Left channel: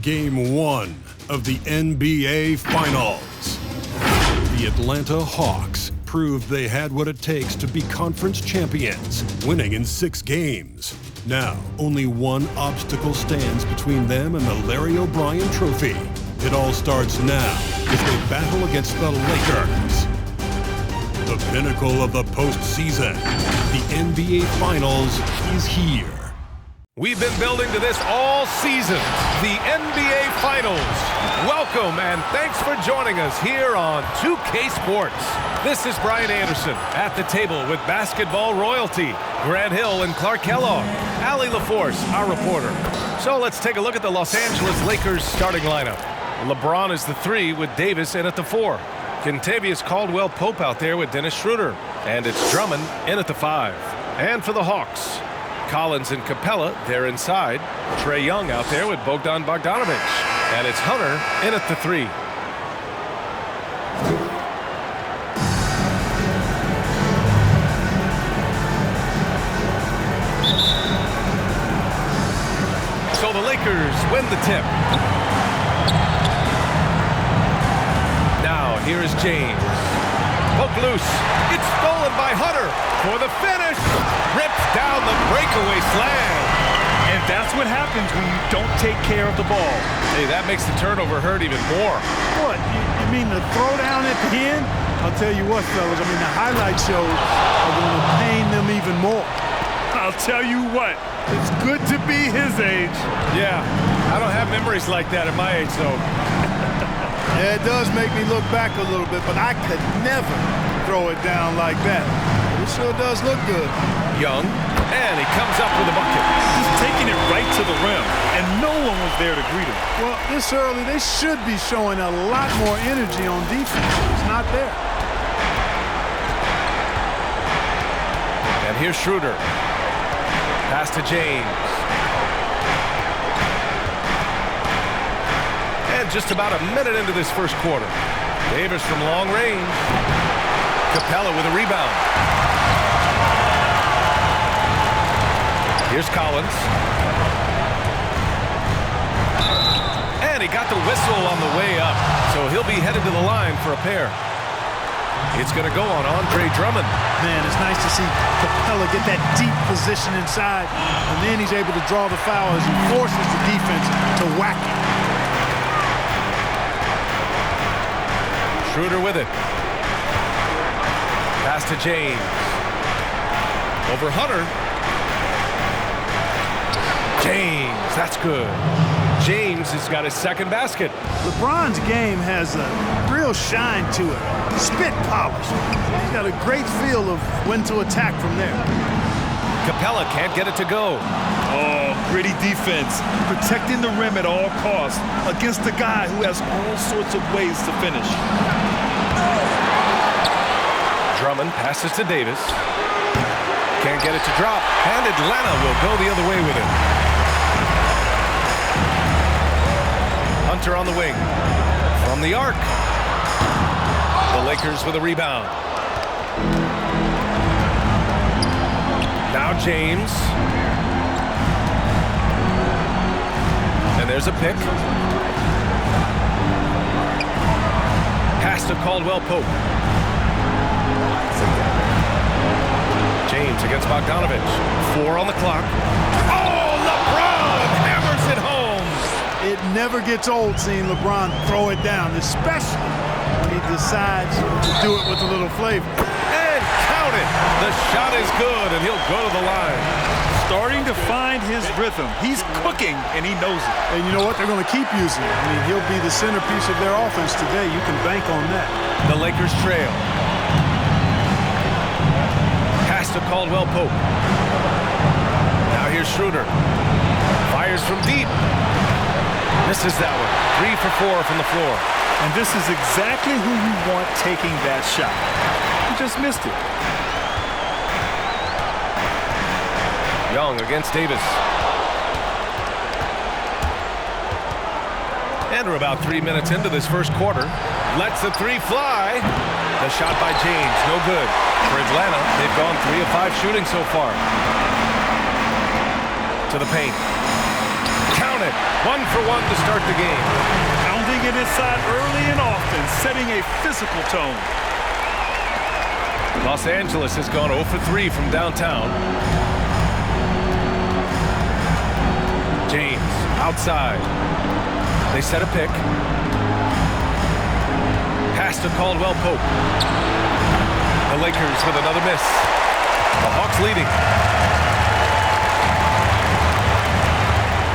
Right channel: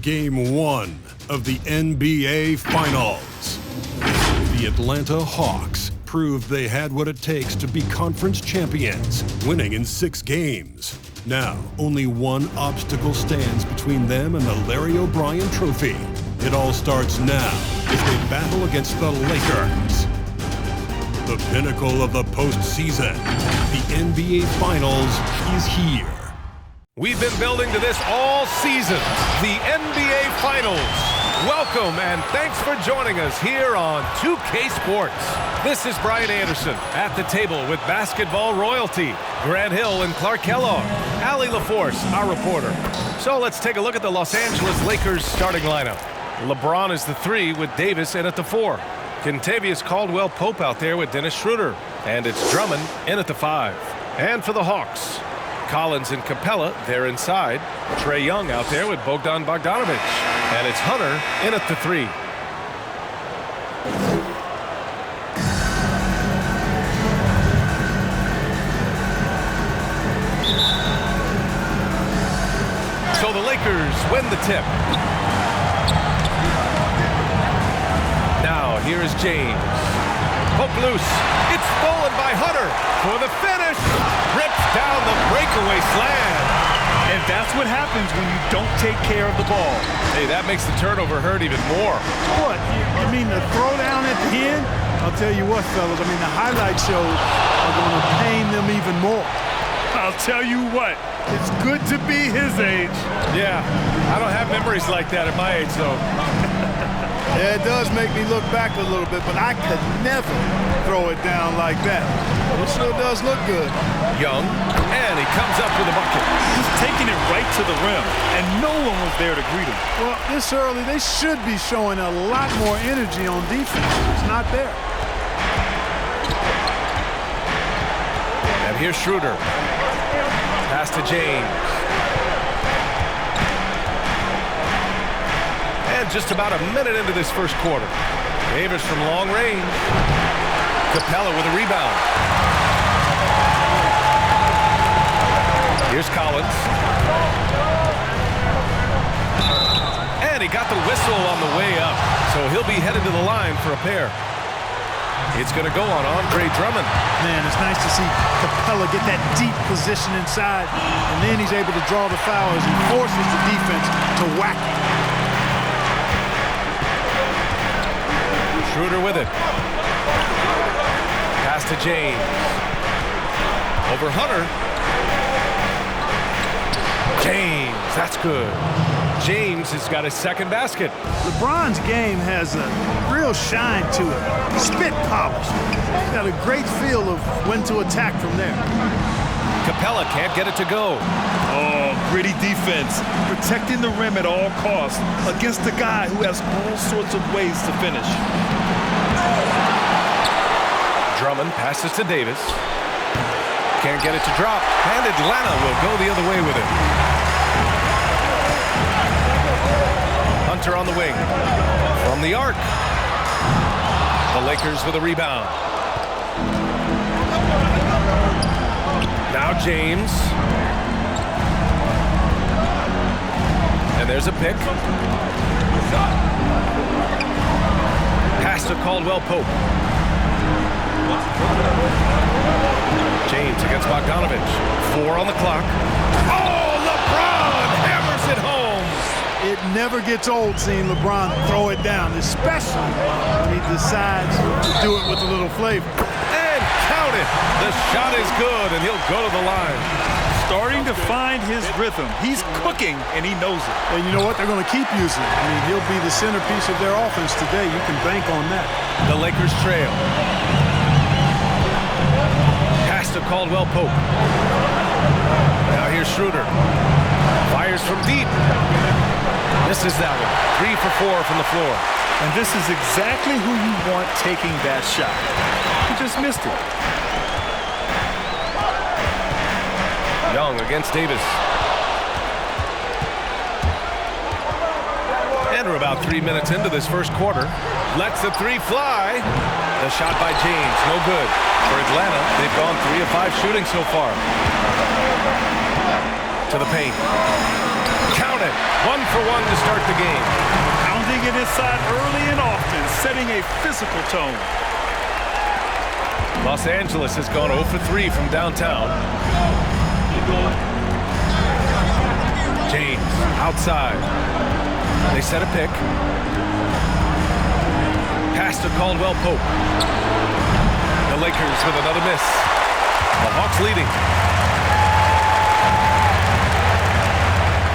Game 1 of the NBA Finals. The Atlanta Hawks proved they had what it takes to be conference champions, winning in 6 games. Now, only one obstacle stands between them and the Larry O'Brien Trophy. It all starts now as they battle against the Lakers. The pinnacle of the postseason, the NBA Finals, is here. We've been building to this all season, the NBA Finals. Welcome and thanks for joining us here on 2K Sports. This is Brian Anderson at the table with basketball royalty, Grant Hill and Clark Kellogg, Allie LaForce, our reporter. So let's take a look at the Los Angeles Lakers starting lineup. LeBron is the 3 with Davis in at the 4. Kentavious Caldwell-Pope out there with Dennis Schroeder. And it's Drummond in at the 5. And for the Hawks, Collins and Capella, they're inside. Trae Young out there with Bogdan Bogdanovic. And it's Hunter in at the 3. So the Lakers win the tip. Now here is James. Poke loose. It's stolen by Hunter for the finish. Rips down the breakaway slam. And that's what happens when you don't take care of the ball. Hey, that makes the turnover hurt even more. What, you mean the throwdown at the end? I'll tell you what, fellas, I mean the highlight shows are going to pain them even more. I'll tell you what, it's good to be his age. Yeah, I don't have memories like that at my age, though. Yeah, it does make me look back a little bit, but I could never throw it down like that. It sure does look good. Young, and he comes up with a bucket. Just taking it right to the rim, and no one was there to greet him. Well, this early, they should be showing a lot more energy on defense. It's not there. And here's Schroeder. Pass to James. And just about a minute into this first quarter. Davis from long range. Capella with a rebound. Here's Collins. And he got the whistle on the way up. So he'll be headed to the line for a pair. It's going to go on Andre Drummond. Man, it's nice to see Capella get that deep position inside, and then he's able to draw the foul as he forces the defense to whack it. Schroeder with it. Pass to James. Over Hunter. James, that's good. James has got his second basket. LeBron's game has a real shine to it. Spit polish. He's got a great feel of when to attack from there. Capella can't get it to go. Oh, gritty defense. Protecting the rim at all costs against a guy who has all sorts of ways to finish. Drummond passes to Davis. Can't get it to drop. And Atlanta will go the other way with it. Hunter on the wing. From the arc. The Lakers with a rebound. Now James. And there's a pick. Pass to Caldwell-Pope. James against Bogdanovic. 4 on the clock. Oh, LeBron hammers it home. It never gets old seeing LeBron throw it down, especially when he decides to do it with a little flavor. And count it. The shot is good, and he'll go to the line. Starting to find his rhythm. He's cooking, and he knows it. And you know what? They're going to keep using it. I mean, he'll be the centerpiece of their offense today. You can bank on that. The Lakers trail. Pass to Caldwell-Pope. Now here's Schroeder. Fires from deep. Misses that one. 3 for 4 from the floor. And this is exactly who you want taking that shot. He just missed it. Young against Davis. And we're about 3 minutes into this first quarter. Lets the 3 fly. The shot by James, no good. For Atlanta, they've gone 3 of 5 shooting so far. To the paint. Count it. 1 for 1 to start the game. Pounding it inside early and often, setting a physical tone. Los Angeles has gone 0 for 3 from downtown. James outside. They set a pick. Pass to Caldwell Pope. The Lakers with another miss. The Hawks leading.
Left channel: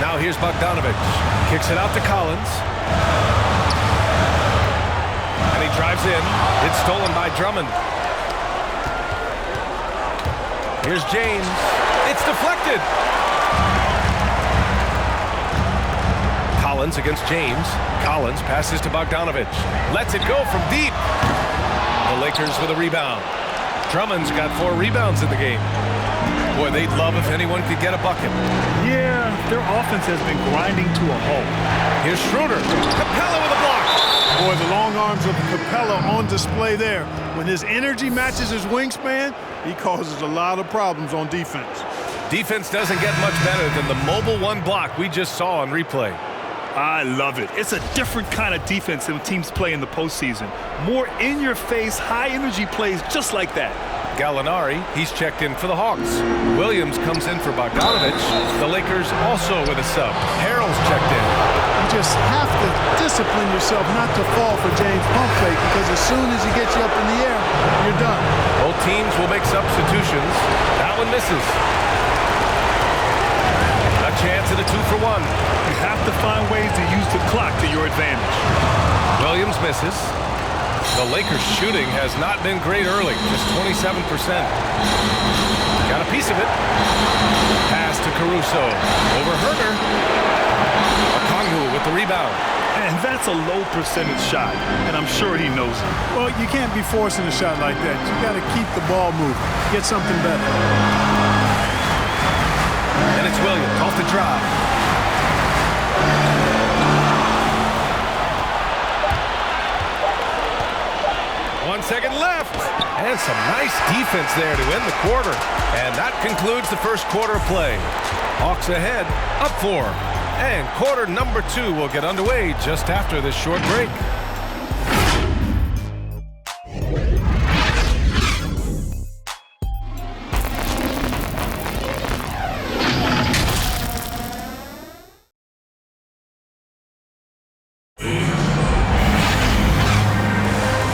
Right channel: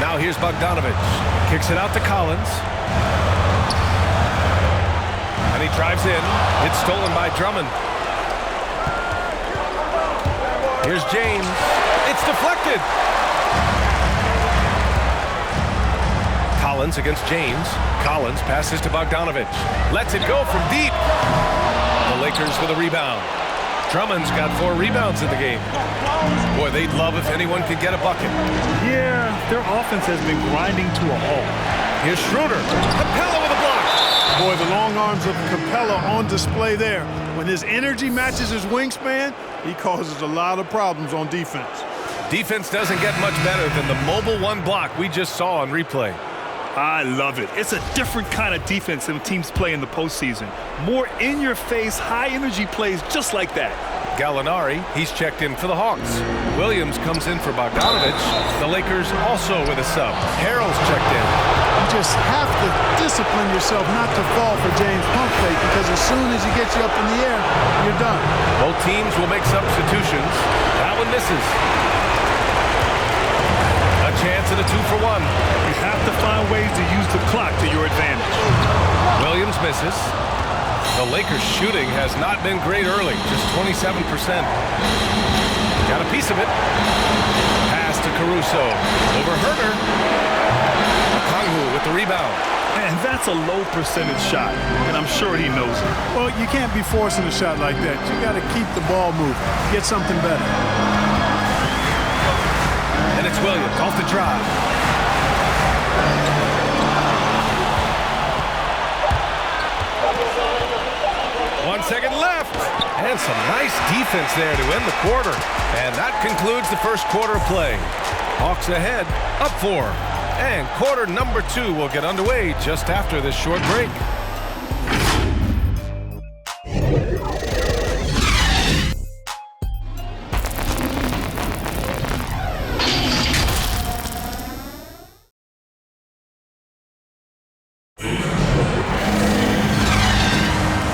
Now here's Bogdanović. Kicks it out to Collins. And he drives in. It's stolen by Drummond. Here's James. It's deflected. Collins against James. Collins passes to Bogdanović. Lets it go from deep. The Lakers with a rebound. Drummond's got 4 rebounds in the game. Boy, they'd love if anyone could get a bucket. Yeah, their offense has been grinding to a halt. Here's Schroeder. Capella with a block. Boy, the long arms of Capella on display there. When his energy matches his wingspan, he causes a lot of problems on defense. Defense doesn't get much better than the mobile 1 block we just saw on replay. I love it. It's a different kind of defense than teams play in the postseason. More in-your-face, high-energy plays just like that. Gallinari, he's checked in for the Hawks. Williams comes in for Bogdanović. The Lakers also with a sub. Harrell's checked in. You just have to discipline yourself not to fall for James pump fake, because as soon as he gets you up in the air, you're done. Both teams will make substitutions. That one misses. A chance at a 2 for 1. You have to find ways to use the clock to your advantage. Williams misses. The Lakers shooting has not been great early, just 27%. Got a piece of it. Pass to Caruso. Over Herter. Okongwu with the rebound. And that's a low percentage shot, and I'm sure he knows it. Well, you can't be forcing a shot like that. You got to keep the ball moving. Get something better. And it's Williams off the drive. One second left. And some nice defense there to end the quarter. And that concludes the first quarter of play. Hawks ahead, up 4. And quarter number 2 will get underway just after this short break.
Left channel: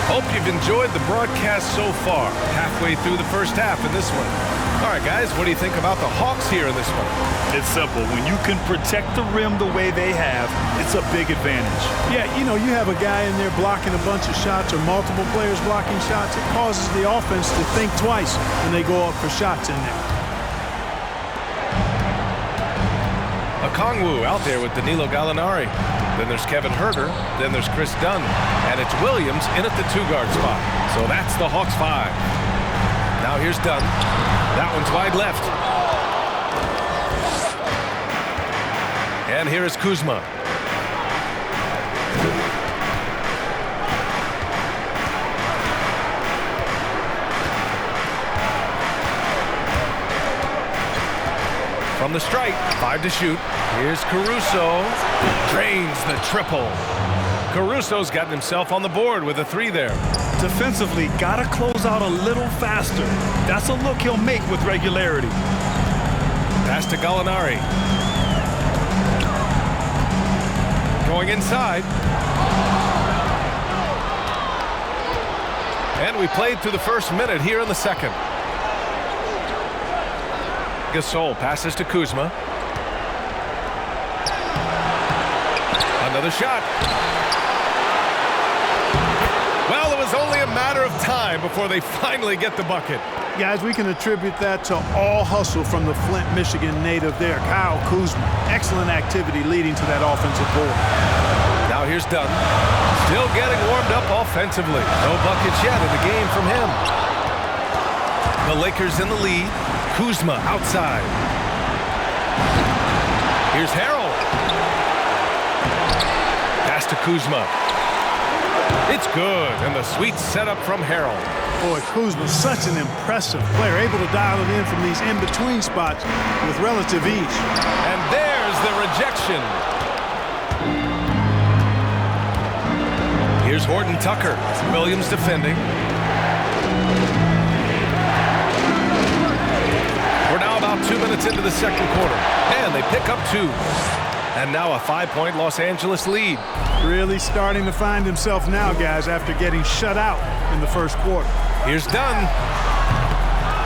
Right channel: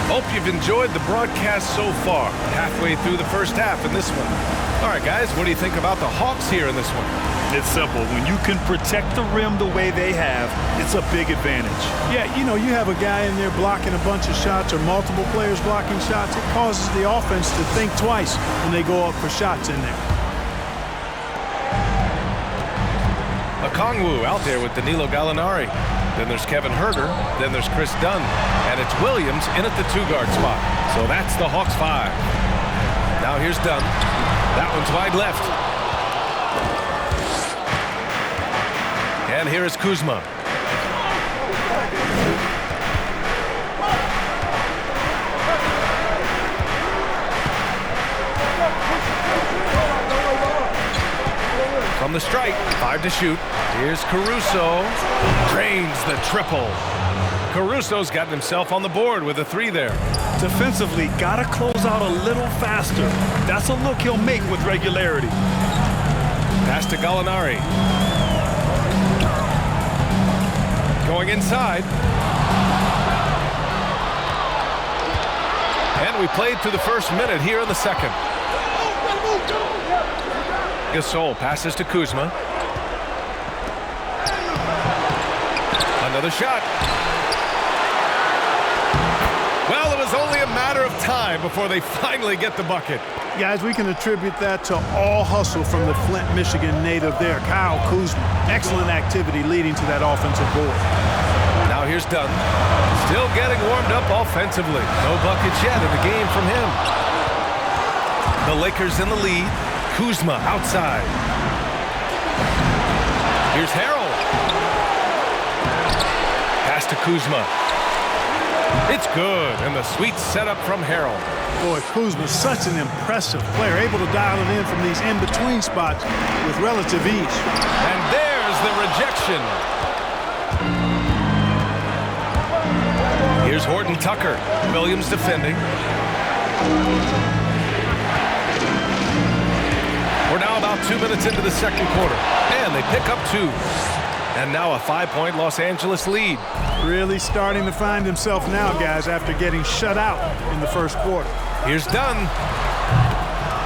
Hope you've enjoyed the broadcast so far. Halfway through the first half in this one. All right, guys, what do you think about the Hawks here in this one? It's simple. When you can protect the rim the way they have, it's a big advantage. Yeah, you know, you have a guy in there blocking a bunch of shots or multiple players blocking shots. It causes the offense to think twice when they go up for shots in there. Okongwu out there with Danilo Gallinari. Then there's Kevin Herter. Then there's Chris Dunn. And it's Williams in at the 2-guard spot. So that's the Hawks 5. Now here's Dunn. That one's wide left. And here is Kuzma. From the stripe, 5 to shoot. Here's Caruso. Drains the triple. Caruso's gotten himself on the board with a 3 there. Defensively, gotta close out a little faster. That's a look he'll make with regularity. Pass to Gallinari. Going inside. And we played through the first minute here in the second. Gasol passes to Kuzma. Another shot. Well, it was only a matter of time before they finally get the bucket. Guys, we can attribute that to all hustle from the Flint, Michigan native there, Kyle Kuzma. Excellent activity leading to that offensive board. Now here's Dunn. Still getting warmed up offensively. No buckets yet in the game from him. The Lakers in the lead. Kuzma outside. Here's Harrell. Pass to Kuzma. It's good, and the sweet setup from Harrell. Boy, Kuzma's such an impressive player, able to dial it in from these in-between spots with relative ease. And there's the rejection. Here's Horton Tucker. Williams defending. We're now about 2 minutes into the second quarter, and they pick up 2. And now a 5-point Los Angeles lead. Really starting to find himself now, guys, after getting shut out in the first quarter. Here's Dunn.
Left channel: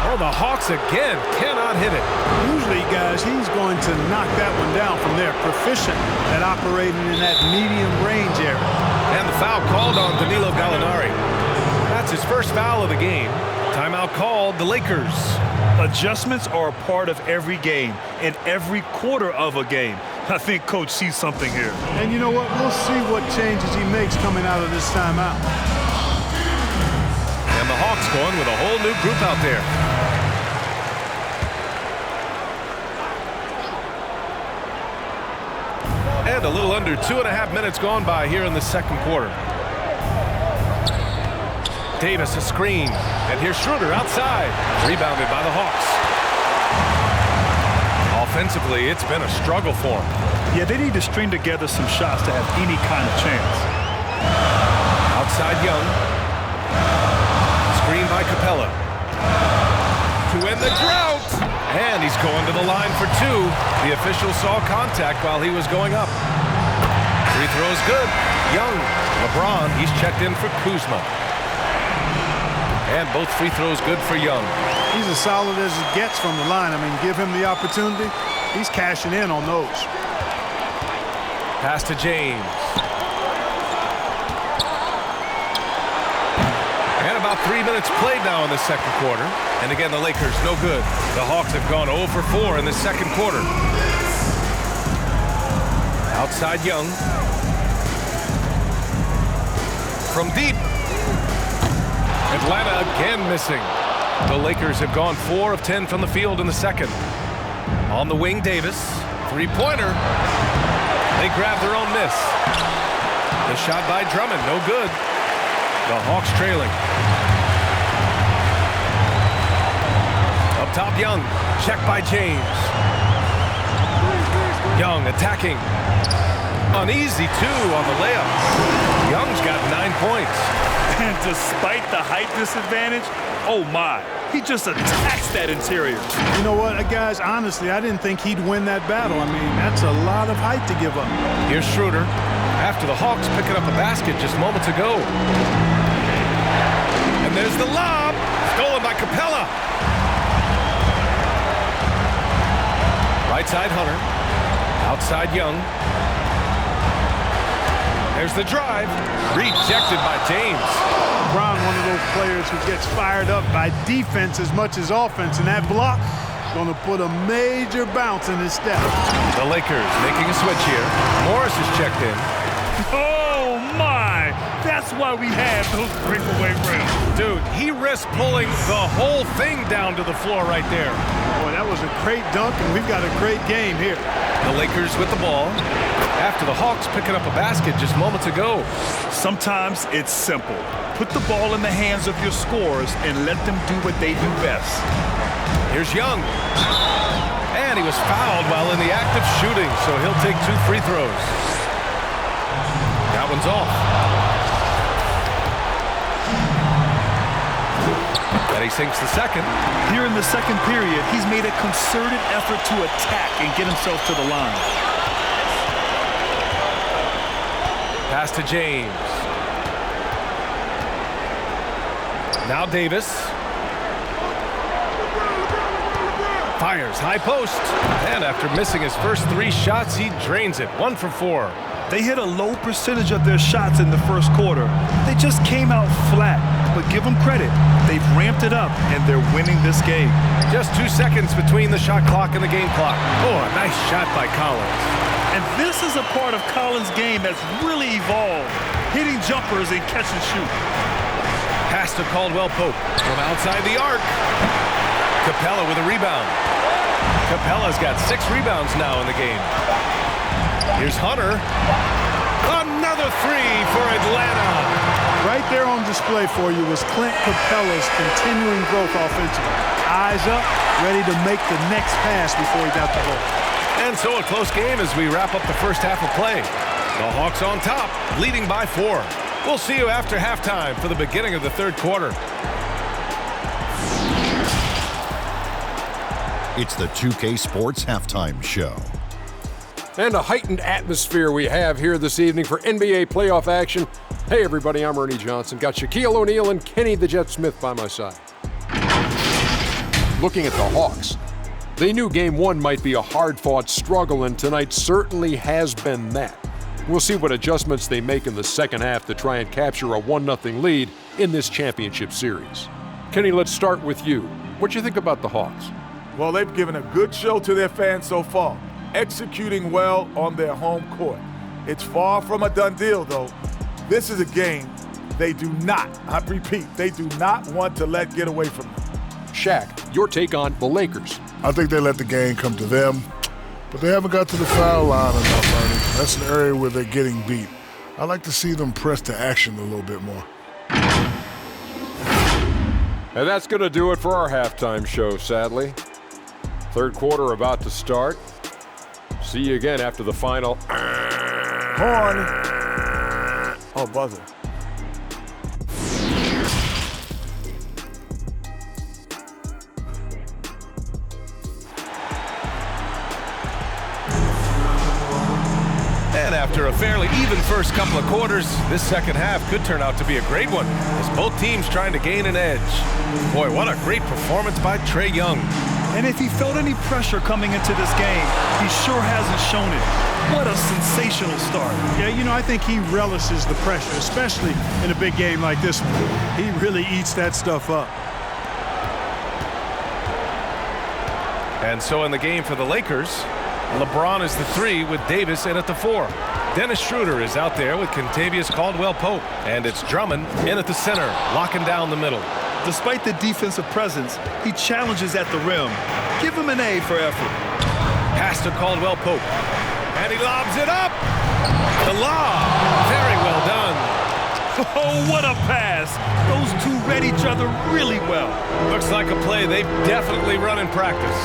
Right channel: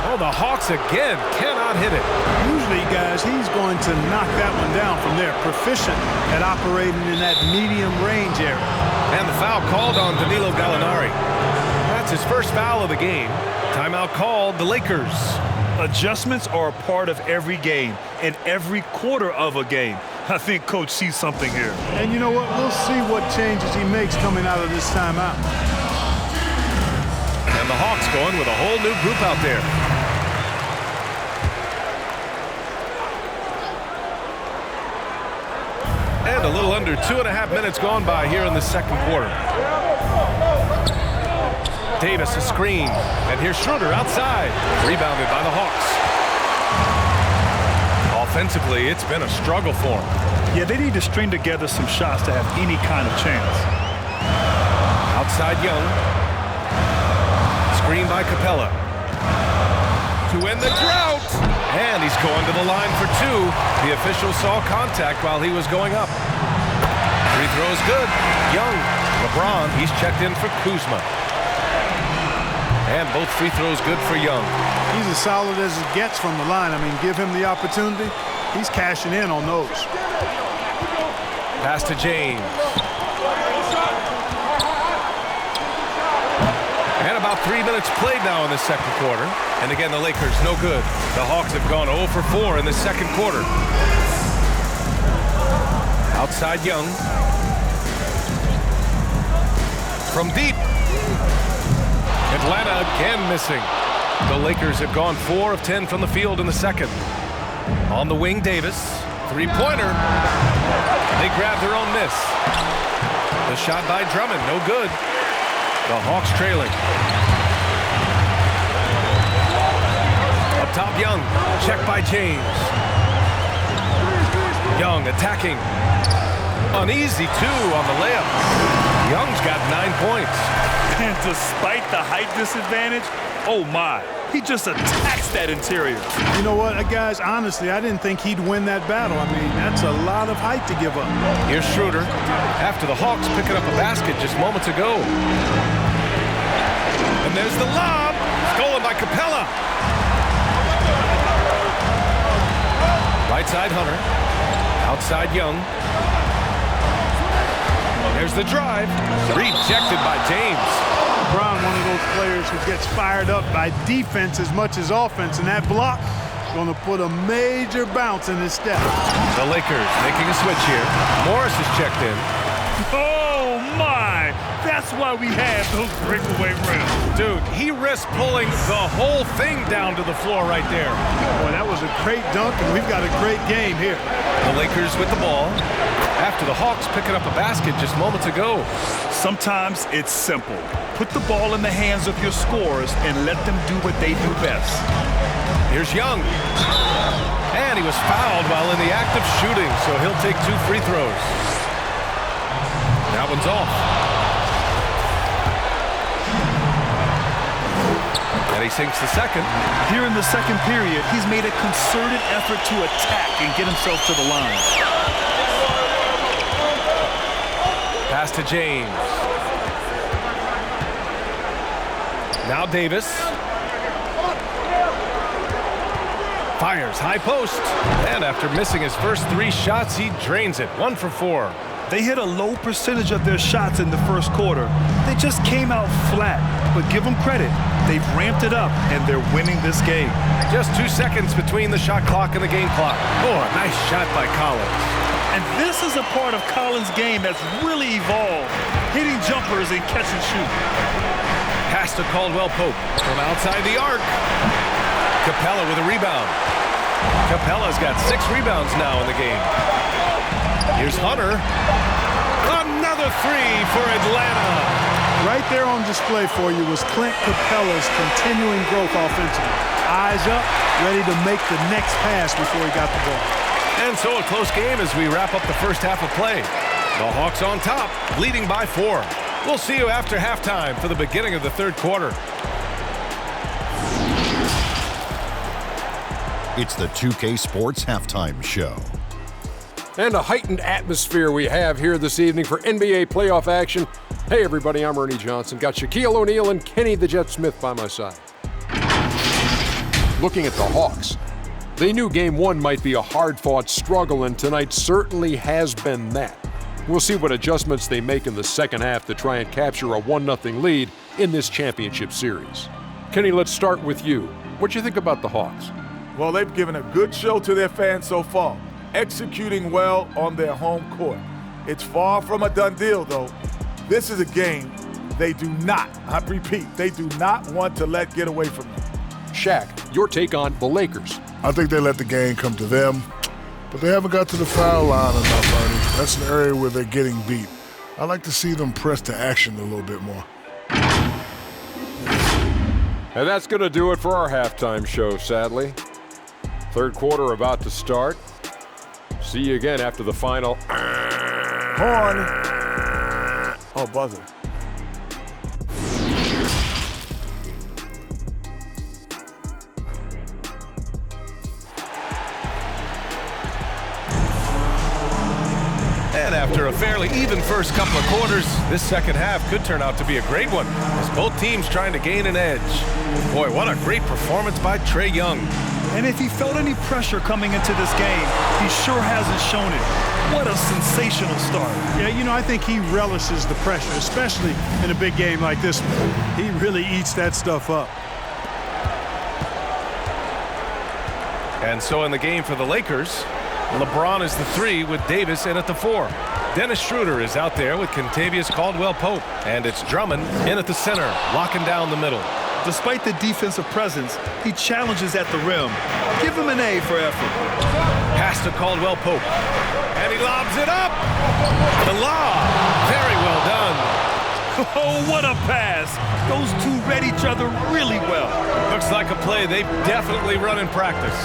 Oh, the Hawks again cannot hit it. Usually, guys, he's going to knock that one down from there. Proficient at operating in that medium range area. And the foul called on Danilo Gallinari. That's his first foul of the game. Timeout called, the Lakers. Adjustments are a part of every game and every quarter of a game. I think Coach sees something here. And you know what? We'll see what changes he makes coming out of this timeout. And the Hawks going with a whole new group out there. And a little under 2.5 minutes gone by here in the second quarter. Davis a screen, and here's Schroeder outside, rebounded by the Hawks. Offensively, it's been a struggle for them. Yeah, they need to string together some shots to have any kind of chance. Outside Young. Screen by Capella. To end the drought. And he's going to the line for 2. The official saw contact while he was going up. Free throws good. Young. LeBron, he's checked in for Kuzma. And both free throws good for Young. He's as solid as it gets from the line. I mean, give him the opportunity. He's cashing in on those. Pass to James. And about 3 minutes played now in the second quarter. And again, the Lakers no good. The Hawks have gone 0 for 4 in the second quarter. Outside Young. From deep. Atlanta again missing. The Lakers have gone 4 of 10 from the field in the second. On the wing, Davis. Three-pointer. They grab their own miss. The shot by Drummond, no good. The Hawks trailing. Up top, Young. Check by James. Young attacking. An easy 2 on the layup. Young's got 9 points. And despite the height disadvantage, oh my, he just attacks that interior. You know what, guys, honestly, I didn't think he'd win that battle. I mean, that's a lot of height to give up. Here's Schroeder. After the Hawks picking up a basket just moments ago. And there's the lob. Stolen by Capella. Right side, Hunter. Outside, Young. There's the drive. Rejected by James. LeBron, one of those players who gets fired up by defense as much as offense, and that block going to put a major bounce in his step. The Lakers making a switch here. Morris is checked in. Oh my, that's why we have those breakaway rims. Dude, he risked pulling the whole thing down to the floor right there. Boy, that was a great dunk, and we've got a great game here. The Lakers with the ball. After the Hawks picking up a basket just moments ago. Sometimes it's simple. Put the ball in the hands of your scorers and let them do what they do best. Here's Young. And he was fouled while in the act of shooting, so he'll take 2 free throws. That one's off. And he sinks the second. Here in the second period, he's made a concerted effort to attack and get himself to the line. Pass to James. Now Davis. Fires high post. And after missing his first 3 shots, he drains it. 1 for 4. They hit a low percentage of their shots in the first quarter. They just came out flat. But give them credit. They've ramped it up, and they're winning this game. Just 2 seconds between the shot clock and the game clock. Oh, a nice shot by Collins. And this is a part of Collins' game that's really evolved. Hitting jumpers and catch and shoot. Pass to Caldwell Pope from outside the arc. Capella with a rebound. Capella's got 6 rebounds now in the game. Here's Hunter. Another three for Atlanta. Right there on display for you was Clint Capella's continuing growth offensively. Eyes up, ready to make the next pass before he got the ball. And so a close game as we wrap up the first half of play. The Hawks on top, leading by 4. We'll see you after halftime for the beginning of the third quarter. It's the 2K Sports Halftime Show. And a heightened atmosphere we have here this evening for NBA playoff action. Hey everybody, I'm Ernie Johnson. Got Shaquille O'Neal and Kenny the Jet Smith by my side. Looking at the Hawks, they knew Game 1 might be a hard-fought struggle, and tonight certainly has been that. We'll see what adjustments they make in the second half to try and capture a 1-0 lead in this championship series. Kenny, let's start with you. What do you think about the Hawks? Well, they've given a good show to their fans so far, executing well on their home court. It's far from a done deal, though. This is a game they do not, I repeat, they do not want to let get away from them. Shaq, your take on the Lakers. I think they let the game come to them, but they haven't got to the foul line enough, Ernie. That's an area where they're getting beat. I like to see them press to action a little bit more. And that's going to do it for our halftime show, sadly. Third quarter about to start. See you again after the final. Horn. Oh, buzzer. And after a fairly even first couple of quarters, this second half could turn out to be a great one as both teams trying to gain an edge. Boy, what a great performance by Trae Young. And if he felt any pressure coming into this game, he sure hasn't shown it. What a sensational start. Yeah, you know, I think he relishes the pressure, especially in a big game like this one. He really eats that stuff up. And so in the game for the Lakers, LeBron is the 3 with Davis in at the 4. Dennis Schroeder is out there with Kentavious Caldwell-Pope. And it's Drummond in at the center, locking down the middle. Despite the defensive presence, he challenges at the rim. Give him an A for effort. Pass to Caldwell-Pope. And he lobs it up. The lob. Very well done. Oh, what a pass. Those two read each other really well. Looks like a play they've definitely run in practice.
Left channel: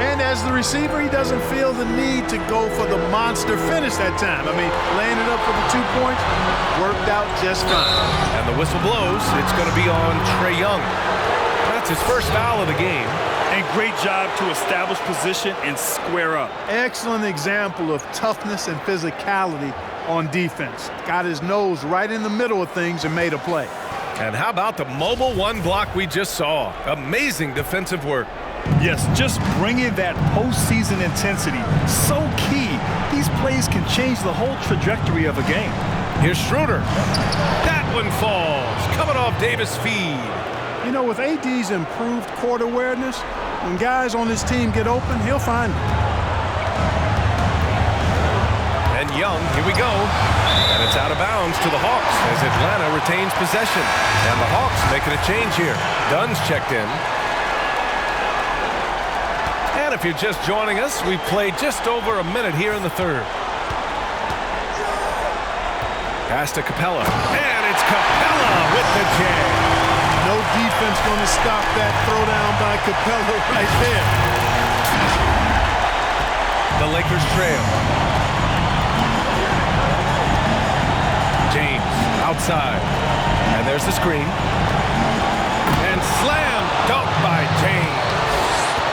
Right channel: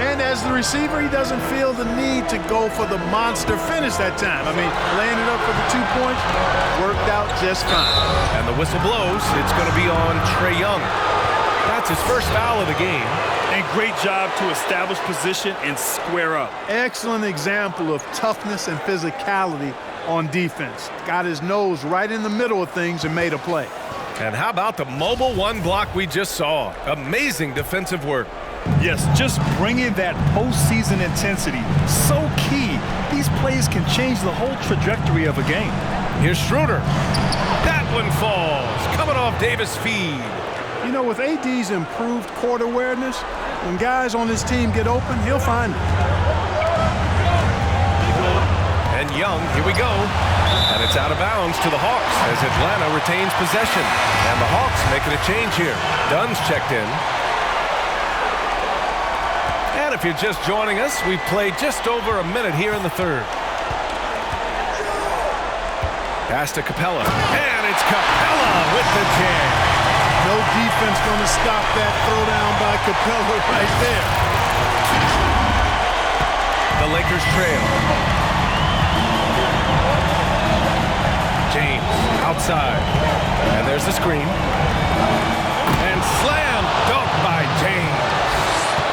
And as the receiver, he doesn't feel the need to go for the monster finish that time. I mean, laying it up for the 2 points worked out just fine. And the whistle blows. It's going to be on Trae Young. That's his first foul of the game. And great job to establish position and square up. Excellent example of toughness and physicality on defense. Got his nose right in the middle of things and made a play. And how about the mobile 1 block we just saw? Amazing defensive work. Yes, just bringing that postseason intensity. So key. These plays can change the whole trajectory of a game. Here's Schroeder. That one falls. Coming off Davis' feed. You know, with AD's improved court awareness, when guys on his team get open, he'll find it. And Young, here we go. And it's out of bounds to the Hawks as Atlanta retains possession. And the Hawks making a change here. Dunn's checked in. And if you're just joining us, we've played just over a minute here in the third. Pass to Capella. And it's Capella with the jam. No defense going to stop that throwdown by Capella right there. The Lakers trail. James outside. And there's the screen. And slam dunk by James.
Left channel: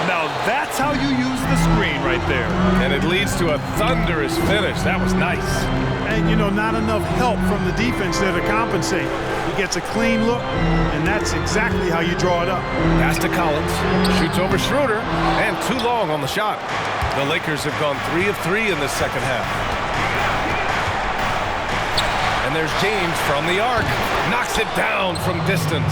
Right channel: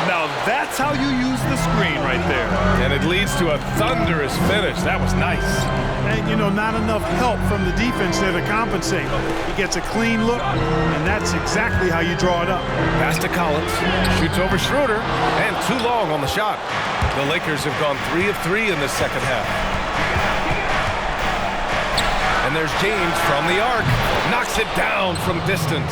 Now that's how you use the screen right there. And it leads to a thunderous finish. That was nice. And, you know, not enough help from the defense there to compensate. He gets a clean look, and that's exactly how you draw it up. Pass to Collins. Shoots over Schroeder. And too long on the shot. The Lakers have gone 3 of 3 in this second half. And there's James from the arc. Knocks it down from distance.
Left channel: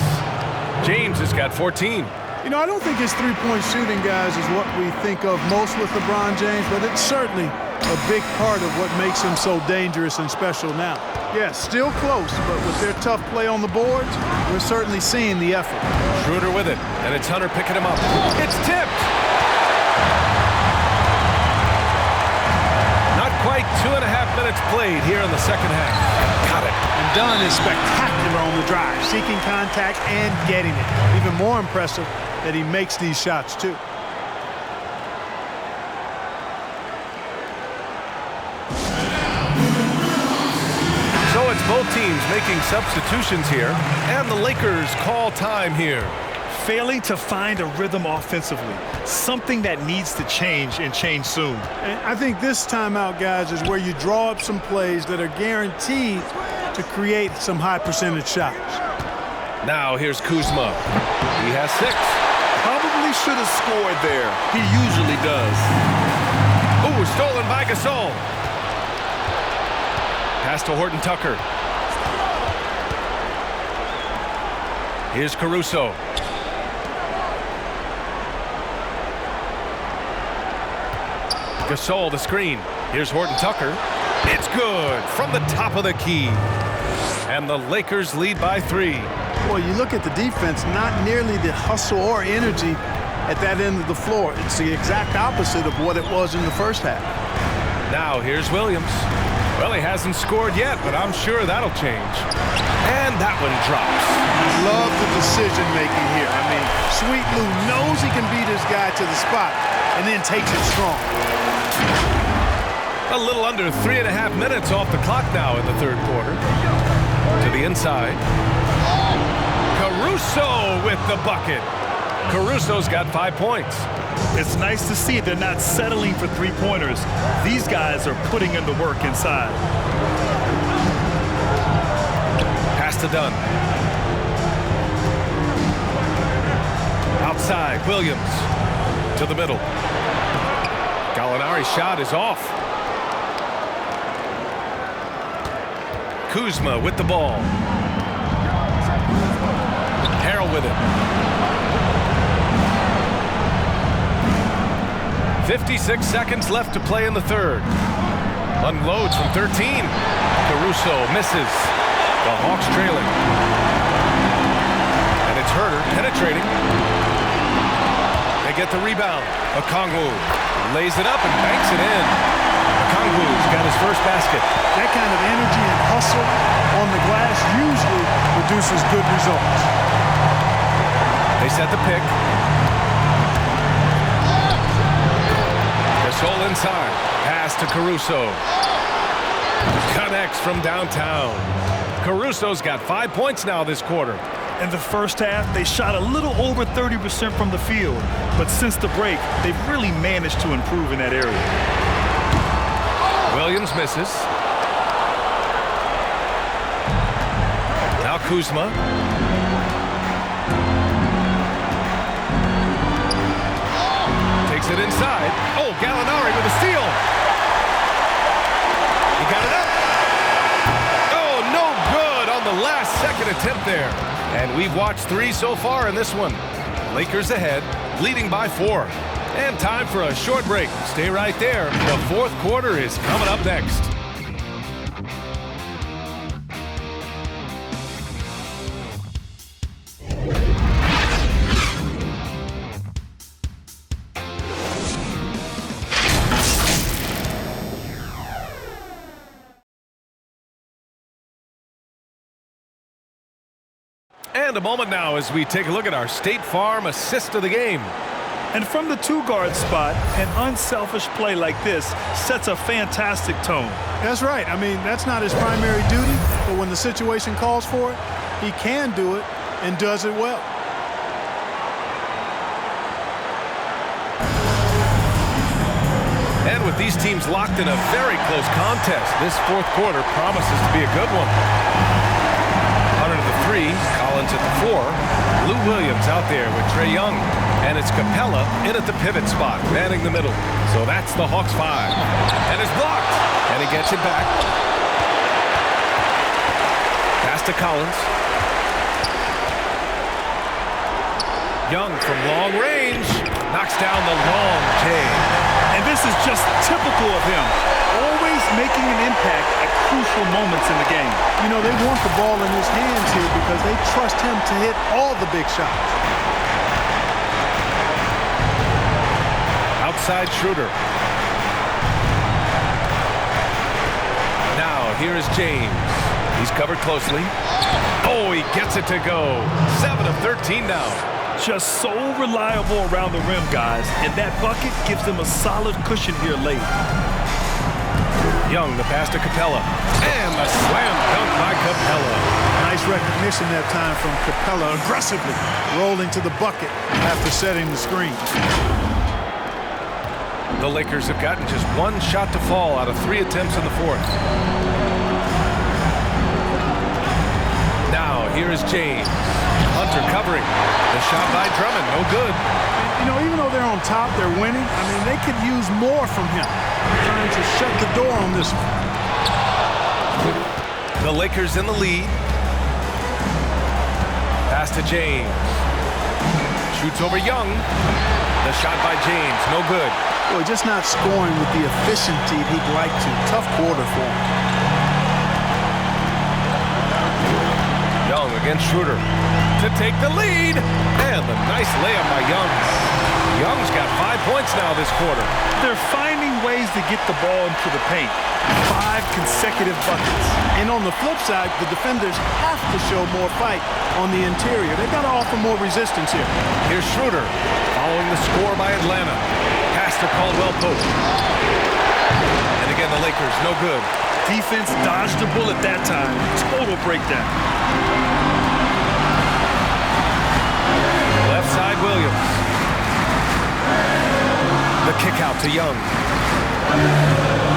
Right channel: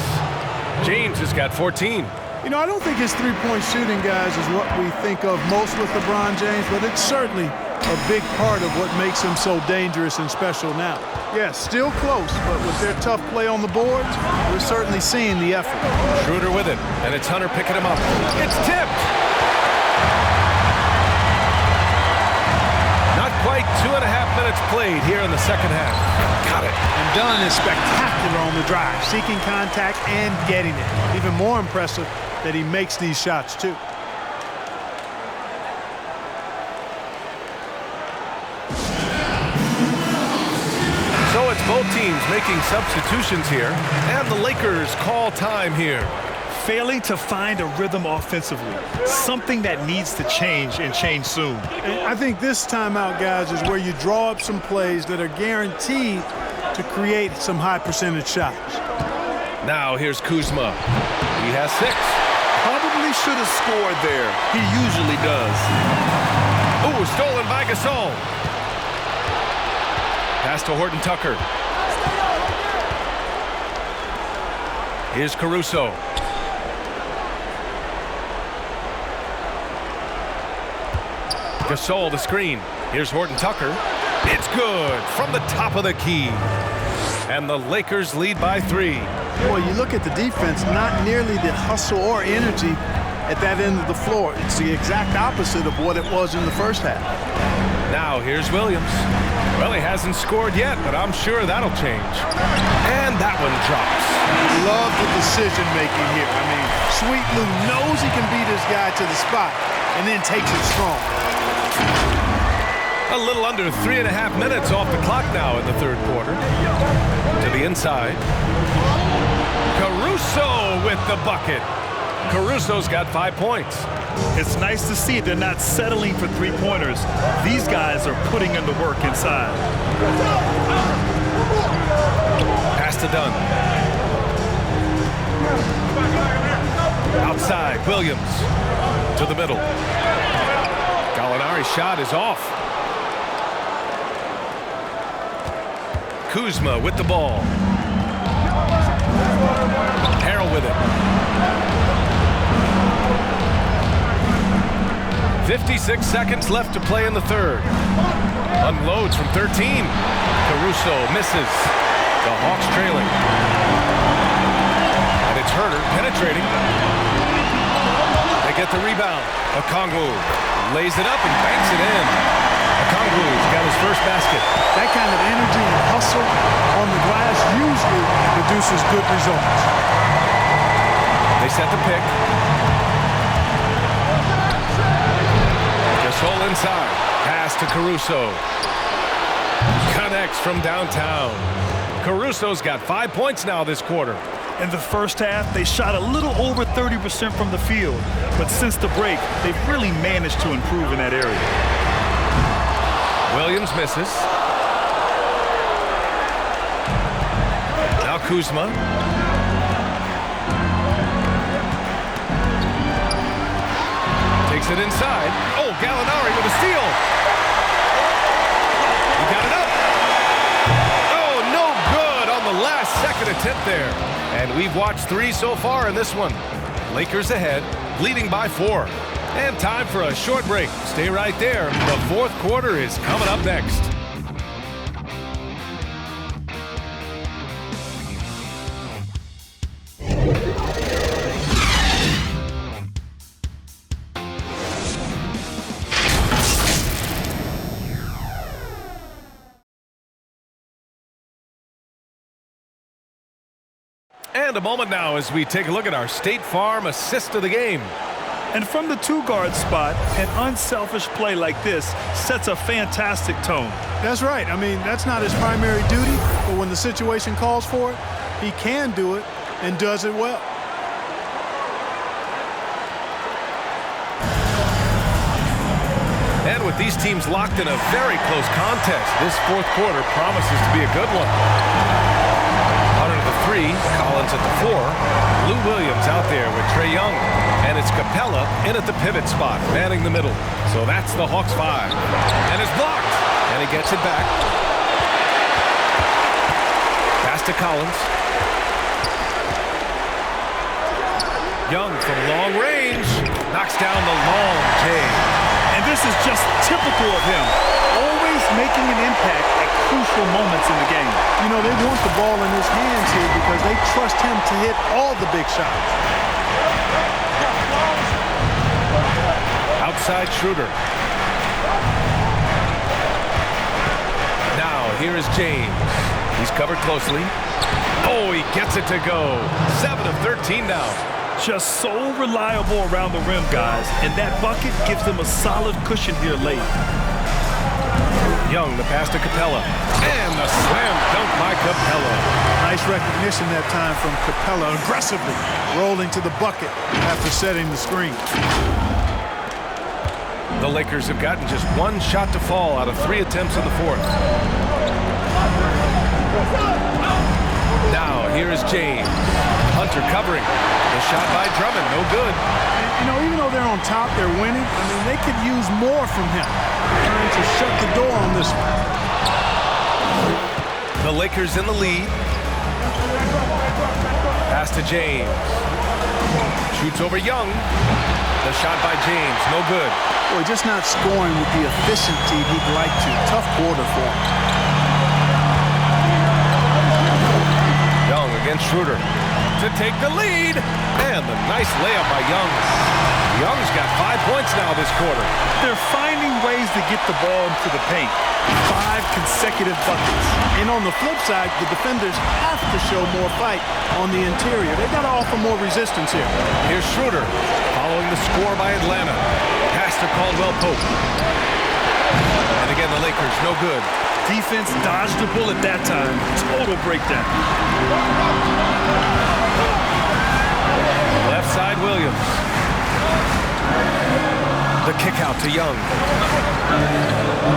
James has got 14. You know, I don't think his three-point shooting, guys, is what we think of most with LeBron James, but it's certainly a big part of what makes him so dangerous and special now. Yeah, still close, but with their tough play on the boards, we're certainly seeing the effort. Schroeder with it, and it's Hunter picking him up. It's tipped! Not Not quite 2.5 minutes played here in the second half. Got it. And Dunn is spectacular on the drive, seeking contact and getting it. Even more impressive that he makes these shots, too. So it's both teams making substitutions here, and the Lakers call time here. Failing to find a rhythm offensively, something that needs to change and change soon. And I think this timeout, guys, is where you draw up some plays that are guaranteed to create some high percentage shots. Now here's Kuzma. He has 6. Probably should have scored there. He usually does. Ooh, stolen by Gasol. Pass to Horton Tucker. Here's Caruso. Gasol the screen. Here's Horton Tucker. It's good from the top of the key. And the Lakers lead by 3. Boy, you look at the defense, not nearly the hustle or energy at that end of the floor. It's the exact opposite of what it was in the first half. Now here's Williams. Well, he hasn't scored yet, but I'm sure that'll change. And that one drops. Love the decision making here. I mean, Sweet Lou knows he can beat his guy to the spot and then takes it strong. A little under 3.5 minutes off the clock now in the third quarter. To the inside. Caruso with the bucket. Caruso's got 5 points. It's nice to see they're not settling for three-pointers. These guys are putting in the work inside. Pass to Dunn. Outside, Williams. To the middle. Gallinari's shot is off. Kuzma with the ball. Harrell with it. 56 seconds left to play in the third. Unloads from 13. Caruso misses. The Hawks trailing. And it's Herter penetrating. They get the rebound. Okongwu lays it up and banks it in. Okongwu's got his first basket. That kind of energy and hustle on the glass usually produces good results. They set the pick. Gasol inside. Pass to Caruso. Connects from downtown. Caruso's got 5 points now this quarter. In the first half, they shot a little over 30% from the field. But since the break, they've really managed to improve in that area. Williams misses. Now Kuzma. Takes it inside. Oh, Gallinari with a steal. He got it up. Oh, no good on the last second attempt there. And we've watched 3 so far in this one. Lakers ahead, leading by 4. And time for a short break. Stay right there. The fourth quarter is coming up next. And a moment now as we take a look at our State Farm assist of the game. And from the two-guard spot, an unselfish play like this sets a fantastic tone. That's right. I mean, that's not his primary duty, but when the situation calls for it, he can do it and does it well. And with these teams locked in a very close contest, this fourth quarter promises to be a good one. Hunter to the 3, Collins at the 4, Lou Williams out there with Trae Young. And it's Capella in at the pivot spot, manning the middle. So that's the Hawks 5. And it's blocked. And he gets it back. Pass to Collins. Young from long range. Knocks down the long J. And this is just typical of him. Always making an impact at crucial moments in the game. You know, they want the ball in his hands here because they trust him to hit all the big shots. Outside Schroeder. Now, here is James. He's covered closely. Oh, he gets it to go. 7 of 13 now. Just so reliable around the rim, guys, and that bucket gives them a solid cushion here late. Young, the pass to Capella. And the slam dunk by Capella. Nice recognition that time from Capella, aggressively rolling to the bucket after setting the screen. The Lakers have gotten just one shot to fall out of 3 attempts in the fourth. Now, here is James. Hunter covering. The shot by Drummond, no good. And, you know, even though they're on top, they're winning. I mean, they could use more from him. Trying to shut the door on this one. The Lakers in the lead. Pass to James. Shoots over Young. The shot by James, no good. Boy, just not scoring with the efficiency he'd like to. Tough quarter for him. Young against Schroeder to take the lead. And the nice layup by Young. Young's got 5 points now this quarter. They're finding ways to get the ball into the paint. 5 consecutive buckets. And on the flip side, the defenders have to show more fight on the interior. They've got to offer more resistance here. Here's Schroeder following the score by Atlanta. Pass to Caldwell Pope. And again, the Lakers, no good. Defense dodged a bullet that time. Total breakdown. Left side, Williams. The kick out to Young.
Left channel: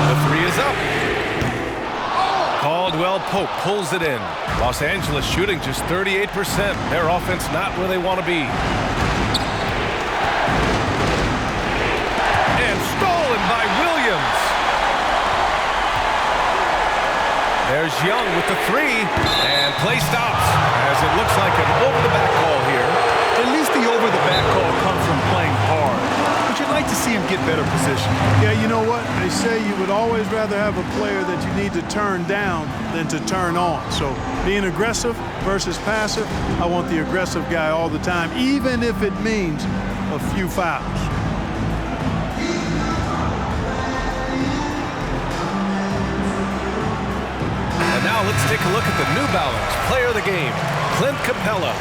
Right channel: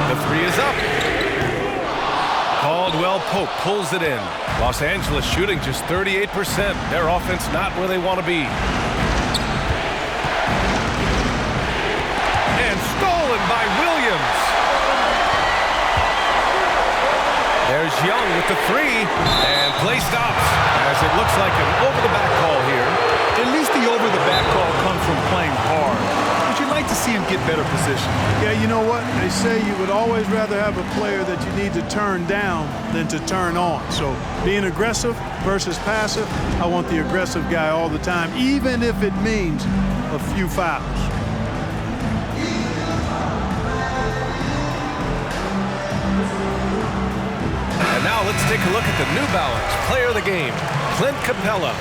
The three is up. Caldwell Pope pulls it in. Los Angeles shooting just 38%. Their offense not where they want to be. And stolen by Williams. There's Young with the three, and play stops as it looks like an over-the-back call here. At least the over-the-back call comes from playing hard, but you'd like to see him get better position. Yeah, you know what? They say you would always rather have a player that you need to turn down than to turn on. So being aggressive versus passive, I want the aggressive guy all the time, even if it means a few fouls. And now let's take a look at the New Balance player of the game, Clint Capella.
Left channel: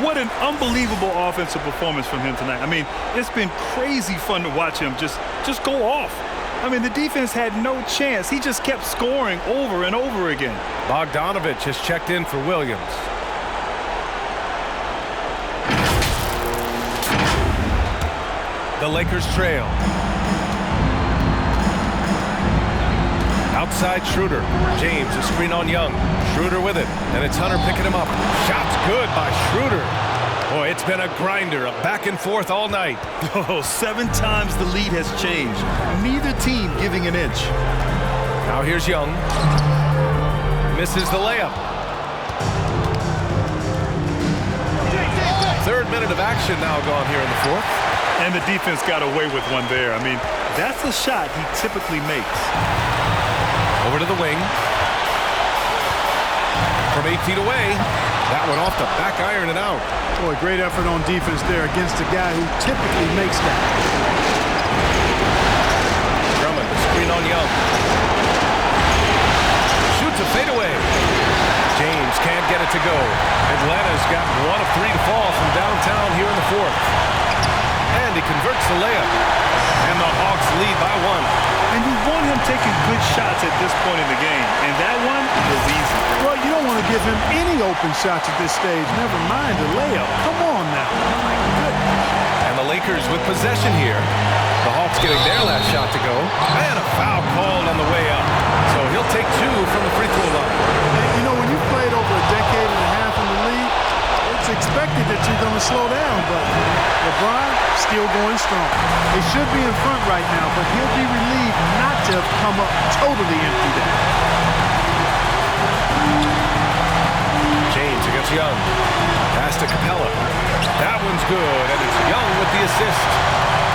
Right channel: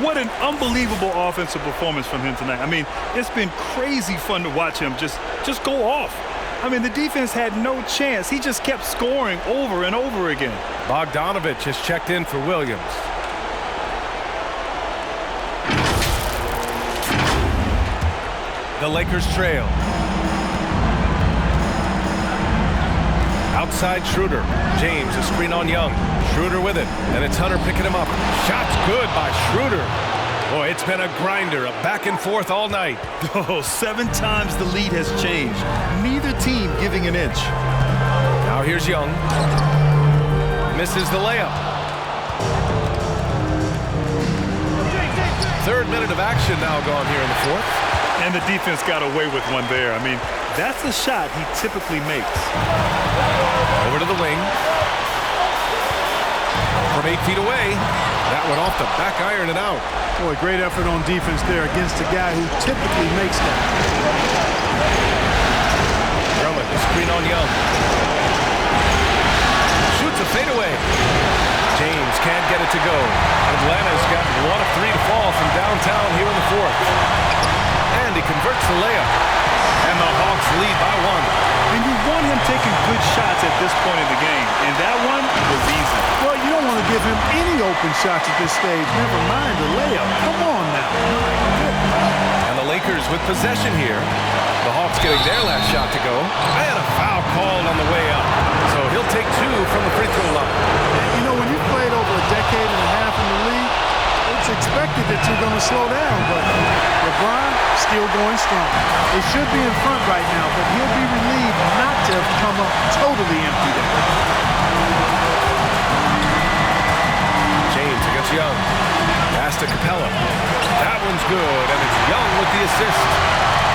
What an unbelievable offensive performance from him tonight. I mean, it's been crazy fun to watch him just go off. I mean, the defense had no chance. He just kept scoring over and over again. Bogdanovich has checked in for Williams. The Lakers trail. Outside Schroeder. James, a screen on Young. Schroeder with it, and it's Hunter picking him up. Shot's good by Schroeder. Boy, it's been a grinder, a back and forth all night. Oh, 7 times the lead has changed. Neither team giving an inch. Now here's Young. Misses the layup. 3rd minute of action now gone here in the 4th. And the defense got away with one there. I mean, that's a shot he typically makes. Over to the wing. From 8 feet away. That one off the back iron and out. Boy, great effort on defense there against a guy who typically makes that. Drummond, the screen on Young. Shoots a fadeaway. James can't get it to go. Atlanta's got 1 of 3 to fall from downtown here in the 4th. And he converts the layup. And the Hawks lead by 1. And you want him taking good shots at this point in the game. And that one was easy. Well, you don't want to give him any open shots at this stage. Never mind the layup. Come on now. My goodness. And the Lakers with possession here. The Hawks getting their last shot to go. And a foul called on the way up. So he'll take 2 from the free throw line. And, you know, when you've played over a decade and a half in the league, it's expected that you're going to slow down, but LeBron still going strong. They should be in front right now, but he'll be relieved not to have come up totally empty there. James against Young. Pass to Capella. That one's good, and it's Young with the assist.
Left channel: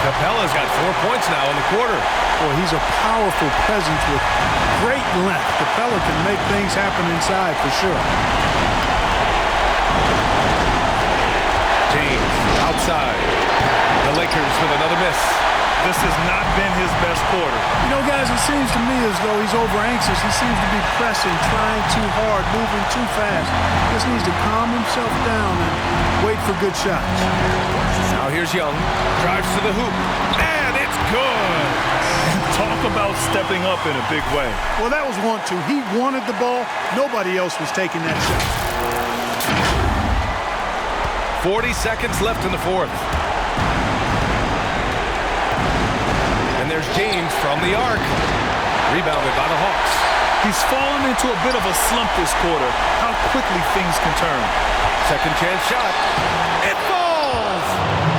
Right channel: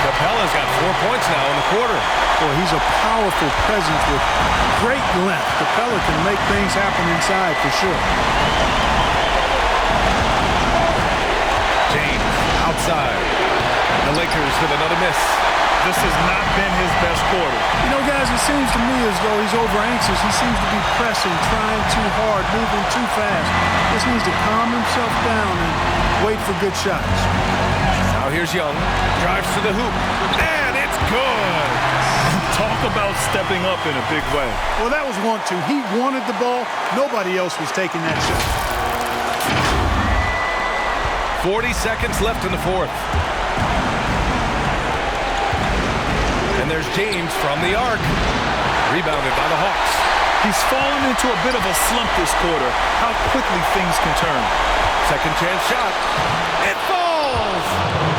Capella's got 4 points now in the quarter. Boy, he's a powerful presence with great length. Capella can make things happen inside for sure. James outside. The Lakers with another miss. This has not been his best quarter. You know, guys, it seems to me as though he's over-anxious. He seems to be pressing, trying too hard, moving too fast. Just needs to calm himself down and wait for good shots. Now here's Young. Drives to the hoop. And it's good. And talk about stepping up in a big way. Well, that was 1-2. He wanted the ball. Nobody else was taking that shot. 40 seconds left in the fourth. And there's James from the arc. Rebounded by the Hawks. He's fallen into a bit of a slump this quarter. How quickly things can turn. Second chance shot. It falls!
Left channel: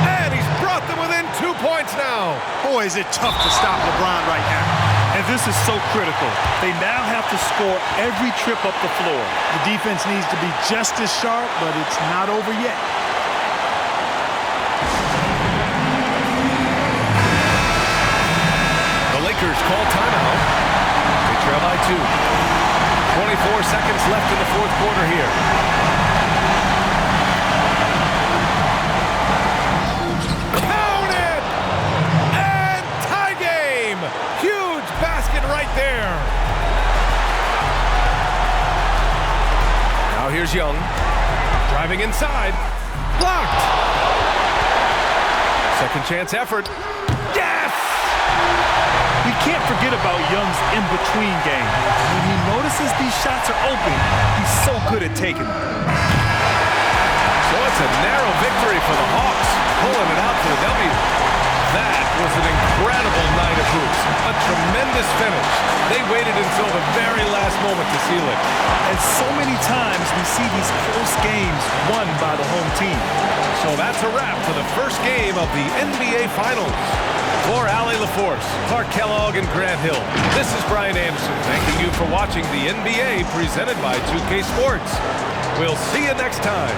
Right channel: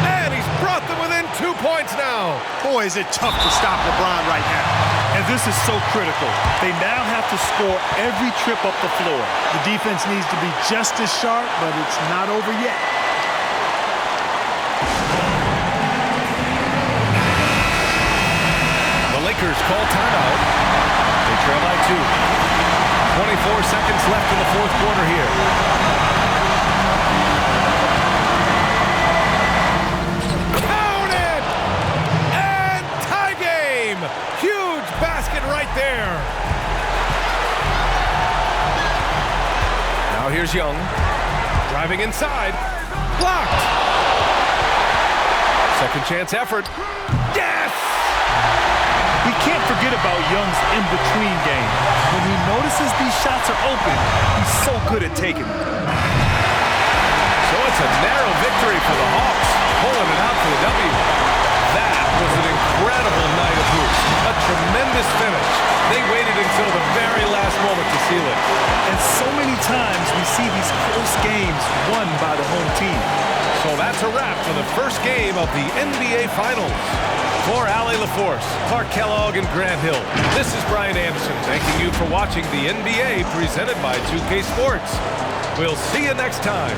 And he's brought them within 2 points now. Boy, is it tough to stop LeBron right now. And this is so critical. They now have to score every trip up the floor. The defense needs to be just as sharp, but it's not over yet. The Lakers call timeout. They trail by 2. 24 seconds left in the fourth quarter here. Count it! And tie game! Huge basket right there. Now here's Young. Driving inside. Blocked. Second chance effort. Yes! We can't forget about Young's in-between game. When he notices these shots are open, he's so good at taking them. So it's a narrow victory for the Hawks, pulling it out for the W. That was an incredible night of hoops. A tremendous finish. They waited until the very last moment to seal it. And so many times we see these close games won by the home team. So that's a wrap for the first game of the NBA Finals. For Allie LaForce, Clark Kellogg, and Grant Hill, this is Brian Anderson thanking you for watching the NBA presented by 2K Sports. We'll see you next time.